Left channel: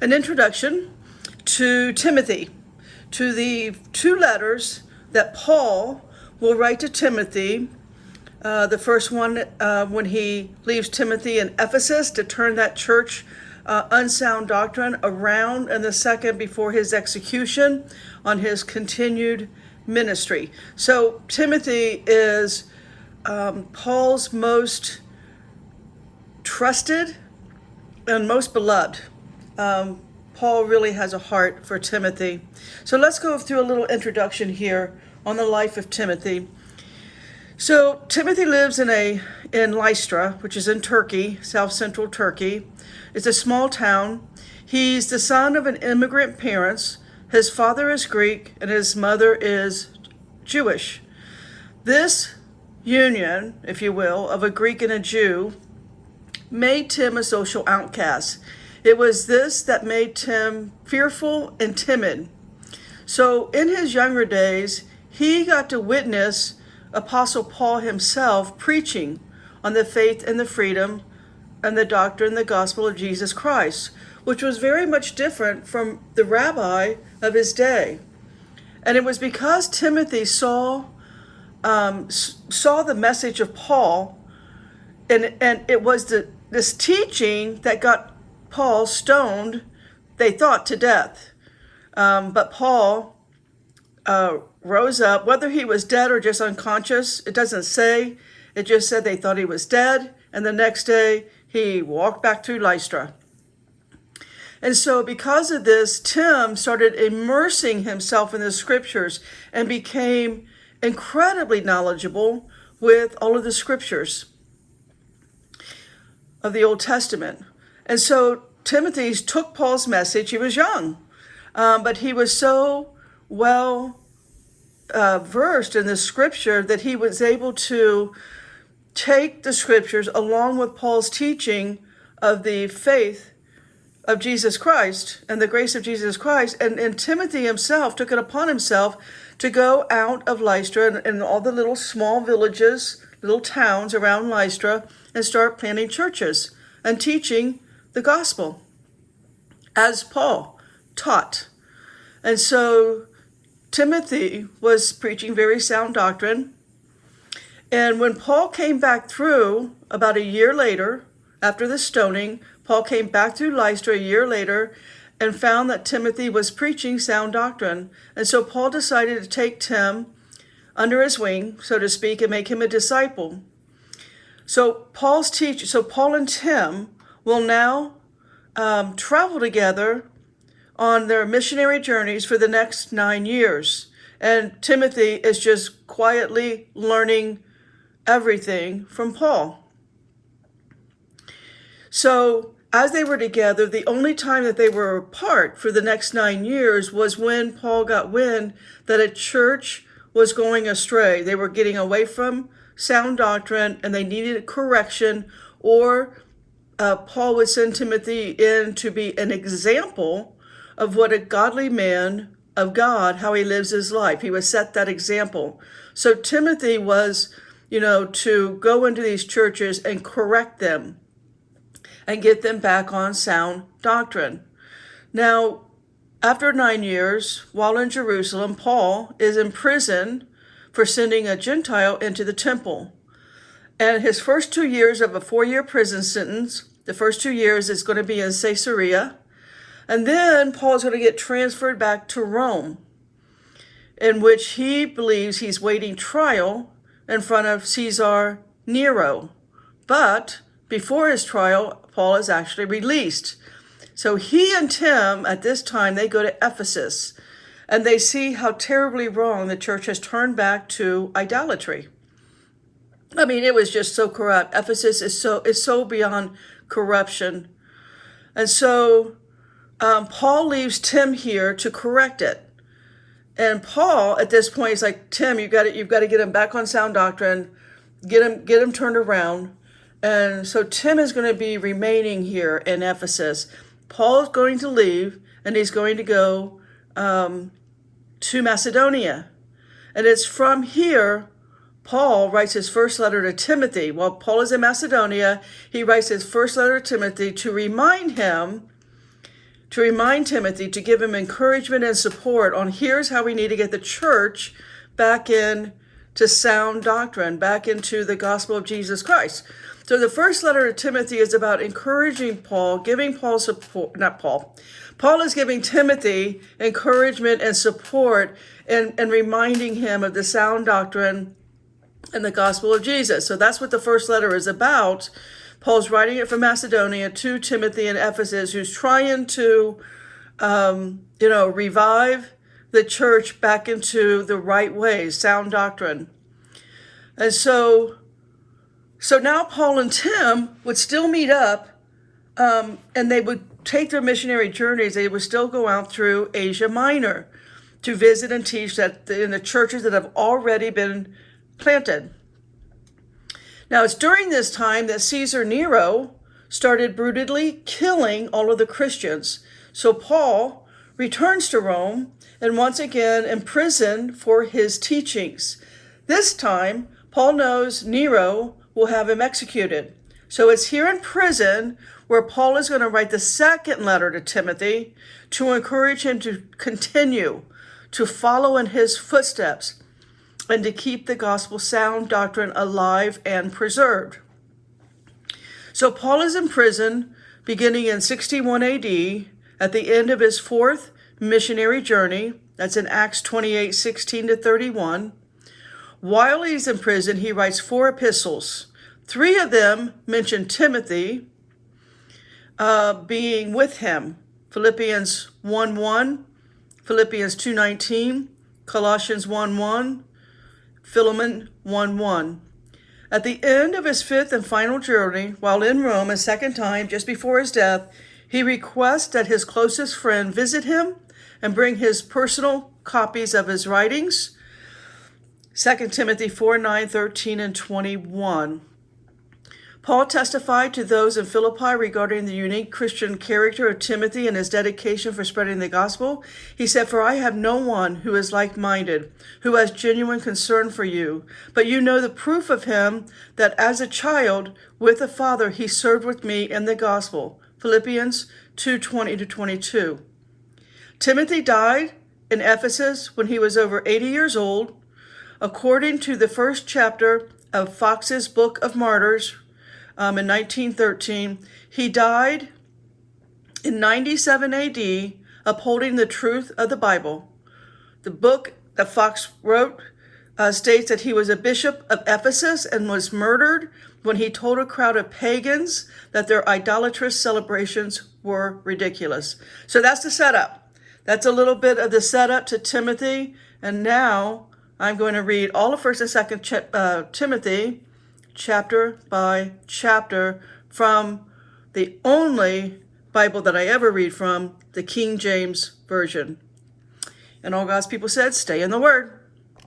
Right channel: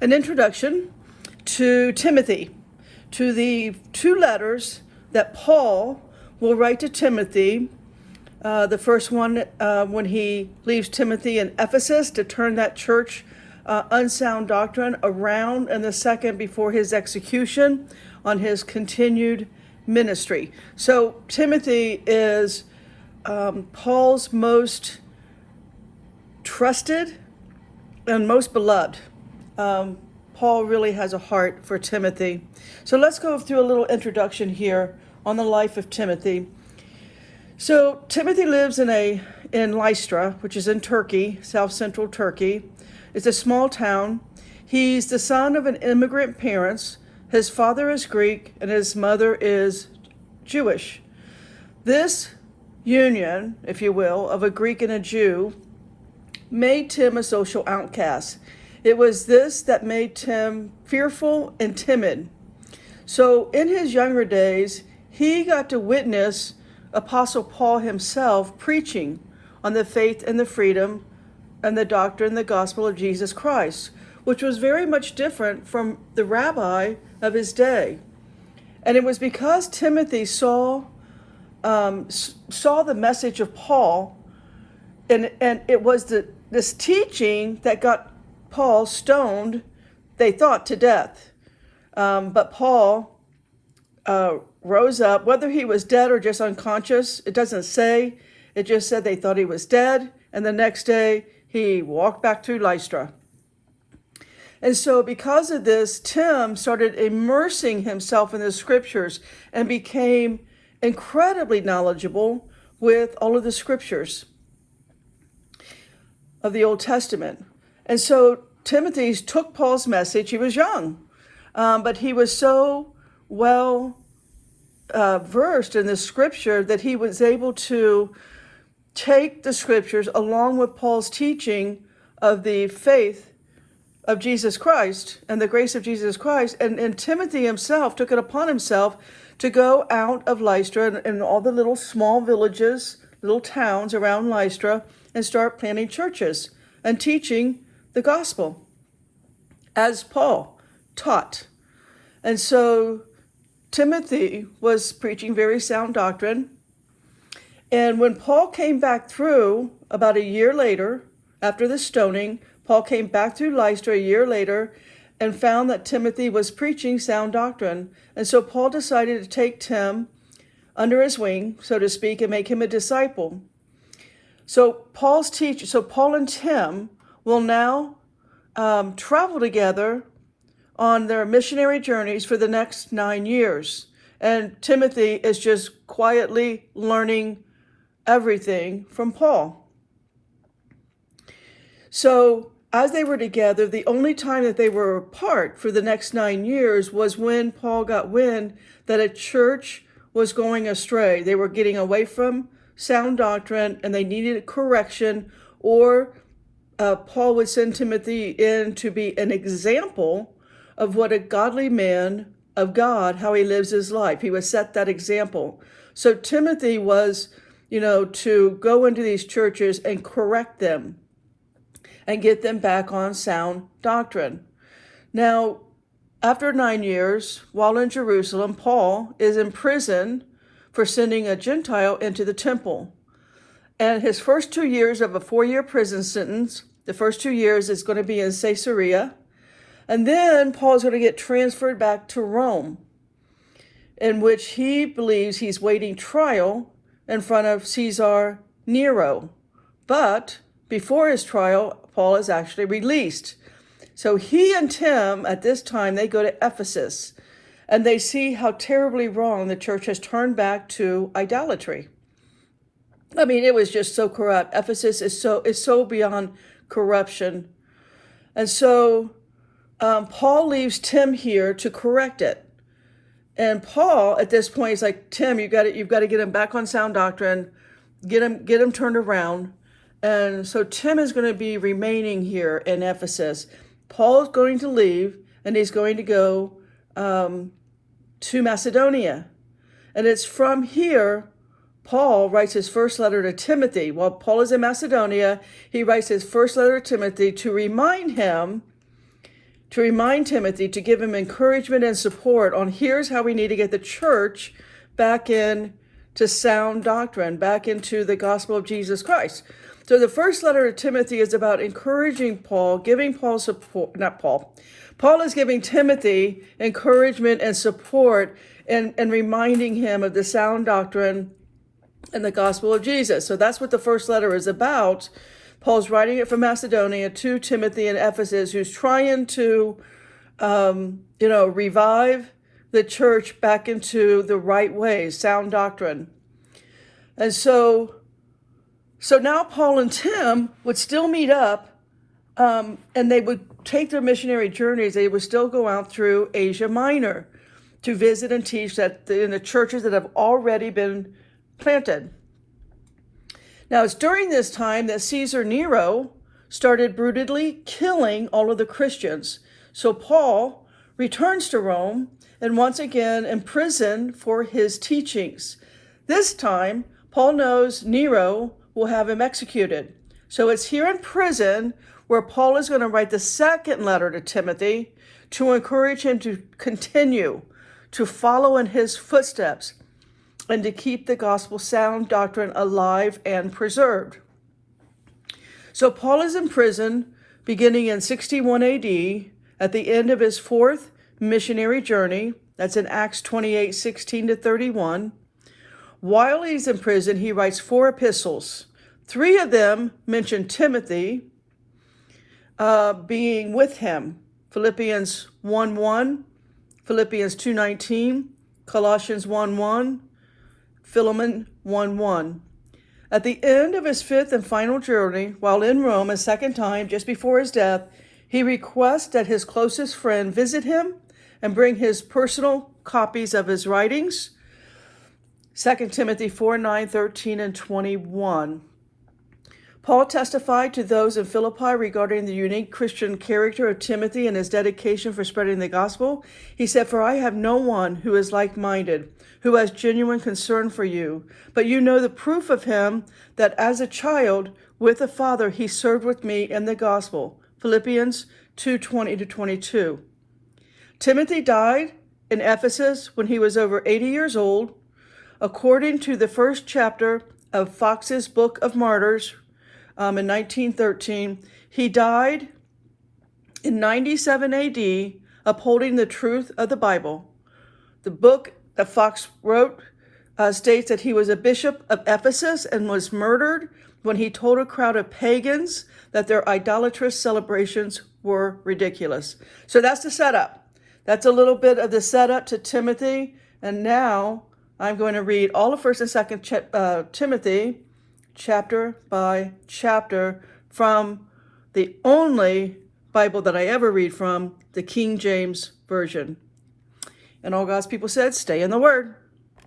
an introduction to Timothy, to the two letters that Paul will write to Timothy. The first one when he leaves Timothy in Ephesus to turn that church unsound doctrine around, and the second before his execution on his continued ministry. So Timothy is Paul's most trusted and most beloved. Paul really has a heart for Timothy. So let's go through a little introduction here on the life of Timothy. So Timothy lives in Lystra, which is in Turkey, south-central Turkey. It's a small town. He's the son of an immigrant parents. His father is Greek and his mother is Jewish. This union, if you will, of a Greek and a Jew made Tim a social outcast. It was this that made Tim fearful and timid. So in his younger days, he got to witness Apostle Paul himself preaching on the faith and the freedom and the doctrine, the gospel of Jesus Christ, which was very much different from the rabbi of his day. And it was because Timothy saw the message of Paul, and it was this teaching that got Paul stoned, they thought, to death. But Paul rose up, whether he was dead or just unconscious, it doesn't say. It just said they thought he was dead, and the next day he walked back to Lystra. And so because of this, Tim started immersing himself in the scriptures and became incredibly knowledgeable with all of the scriptures of the Old Testament. And so Timothy took Paul's message. He was young, but he was so well versed in the scripture that he was able to take the scriptures along with Paul's teaching of the faith of Jesus Christ and the grace of Jesus Christ. And Timothy himself took it upon himself to go out of Lystra and all the little small villages, little towns around Lystra, and start planting churches and teaching the gospel as Paul taught. And so Timothy was preaching very sound doctrine. And when Paul came back through about a year later, after the stoning, Paul came back through Lystra a year later and found that Timothy was preaching sound doctrine. And so Paul decided to take Tim under his wing, so to speak, and make him a disciple. So Paul and Tim will now travel together on their missionary journeys for the next 9 years. And Timothy is just quietly learning everything from Paul. So as they were together, the only time that they were apart for the next 9 years was when Paul got wind that a church was going astray. They were getting away from sound doctrine and they needed correction, or Paul would send Timothy in to be an example of what a godly man of God, how he lives his life. He would set that example. So Timothy was, to go into these churches and correct them and get them back on sound doctrine. Now, after 9 years, while in Jerusalem, Paul is in prison for sending a Gentile into the temple. And his first 2 years of a 4-year prison sentence, the first 2 years is going to be in Caesarea. And then Paul's going to get transferred back to Rome, in which he believes he's waiting trial in front of Caesar Nero. But before his trial, Paul is actually released. So he and Tim, at this time, they go to Ephesus, and they see how terribly wrong the church has turned back to idolatry. I mean, it was just so corrupt. Ephesus is so beyond corruption. And so Paul leaves Tim here to correct it. And Paul, at this point, is like, Tim, you've got to get him back on sound doctrine, get him turned around. And so Tim is going to be remaining here in Ephesus. Paul's going to leave, and he's going to go to Macedonia. And it's from here Paul writes his first letter to Timothy. While Paul is in Macedonia, he writes his first letter to Timothy to remind him to remind Timothy, to give him encouragement and support on here's how we need to get the church back in to sound doctrine, back into the gospel of Jesus Christ. So the first letter to Timothy is about encouraging Paul, giving Paul support, not Paul. Paul is giving Timothy encouragement and support and reminding him of the sound doctrine and the gospel of Jesus. So that's what the first letter is about. Paul's writing it from Macedonia to Timothy in Ephesus, who's trying to, revive the church back into the right way, sound doctrine. And so now Paul and Tim would still meet up, and they would take their missionary journeys. They would still go out through Asia Minor to visit and teach that in the churches that have already been planted. Now, it's during this time that Caesar Nero started brutally killing all of the Christians. So Paul returns to Rome and once again imprisoned for his teachings. This time, Paul knows Nero will have him executed. So it's here in prison where Paul is going to write the second letter to Timothy to encourage him to continue to follow in his footsteps and to keep the gospel sound doctrine alive and preserved. So Paul is in prison beginning in 61 AD at the end of his fourth missionary journey. That's in Acts 28:16-31. While he's in prison, he writes 4 epistles. 3 of them mention Timothy being with him. Philippians 1:1, Philippians 2:19, Colossians 1:1, Philemon 1:1. At the end of his 5th and final journey, while in Rome a second time, just before his death, he requests that his closest friend visit him and bring his personal copies of his writings. 2 Timothy 4:9, 13, and 21. Paul testified to those in Philippi regarding the unique Christian character of Timothy and his dedication for spreading the gospel. He said, "For I have no one who is like-minded, who has genuine concern for you. But you know the proof of him, that as a child with the Father, he served with me in the gospel." Philippians 2:20-22. Timothy died in Ephesus when he was over 80 years old. According to the first chapter of Fox's Book of Martyrs, in 1913, he died in 97 AD, upholding the truth of the Bible. The book that Fox wrote states that he was a bishop of Ephesus and was murdered when he told a crowd of pagans that their idolatrous celebrations were ridiculous. So that's the setup. That's a little bit of the setup to Timothy. And now I'm going to read all of 1st and 2nd Timothy, chapter by chapter, from the only Bible that I ever read from, the King James Version. And all God's people said, stay in the Word.